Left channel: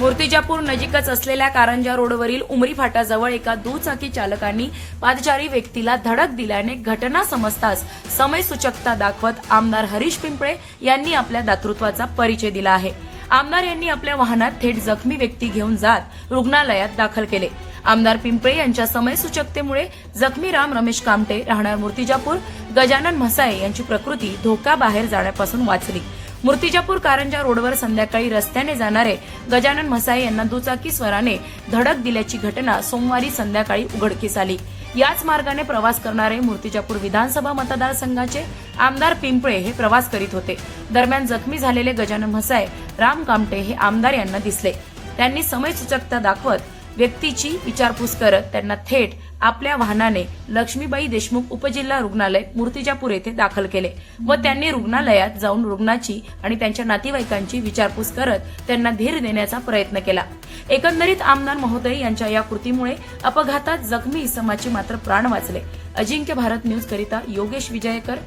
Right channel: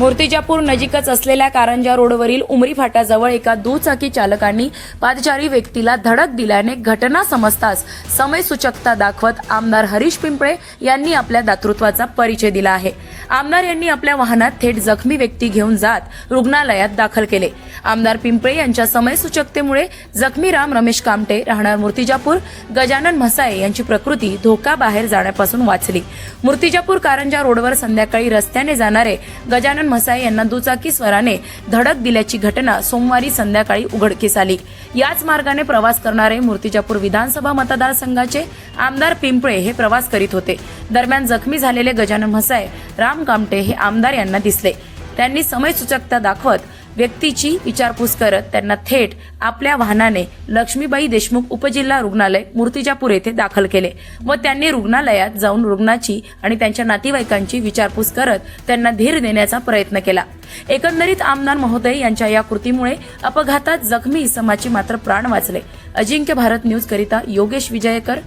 मूर्तिजापूर नजीकच असलेल्या कारंजा रोडवरील उमरी फाट्याजवळ एका दुचाकी चालकांनी पादचारी व्यक्तीला धडक दिल्याने घटना समजताच समय सूचकता दाखवत आमदार हरीश पिंपळे यांनी आपल्या दातृत्वाचा परिचय दिला आहे. आमदार यांनी आपल्या वाहनात थेट जखमी व्यक्ती घेऊन जात रुग्णालयात दाखल केले. आमदार पिंपळे यांच्या समयसूचकतेमुळे जखमी राम रमेश कामटे राहणार मूर्तिजापूर गजानन म्हसाळे यांची प्रकृती धोकाबाहेर जाण्यापासून वाचली. मूर्तिजापूर कारंजा रोडवर संध्याकाळी रस्त्याने जाणारे गजानन म्हसाळे यांना दुचाकी स्वराने धडक दिल्याची घटना सोमवारी संध्याकाळी उघडकीस आली. याच मार्गाने प्रवास करणारे मूर्तिजापूर विधानसभा मतदारसंघाचे आमदार पिंपळे हे प्रवास करीत होते. दरम्यान जखमी झालेले गजानन म्हसाळे राम कामटे हे आमदार यांना दिसले. त्यांनी समयसूचकता दाखवत व्यक्तीची विचारपूस करत त्यांना थेट आपल्या वाहनाने लक्ष्मीबाई देशमुख उपजिल्हा रुग्णालय मूर्तिजापूर येथे दाखल केले व त्यांनी रुग्णालयात जाऊन रुग्णाची आणि त्यांच्या नातेवाईकांची विचारपूस करत त्यांना धीर देण्याचा प्रयत्न केला. एकंदरीत आमदार महोदय यांच्या या कृतीमुळे अपघातात जखमी इसमाची मात्र प्राण वाचले. अजिंक्य भारत न्यूज करिता योगेश विजयकर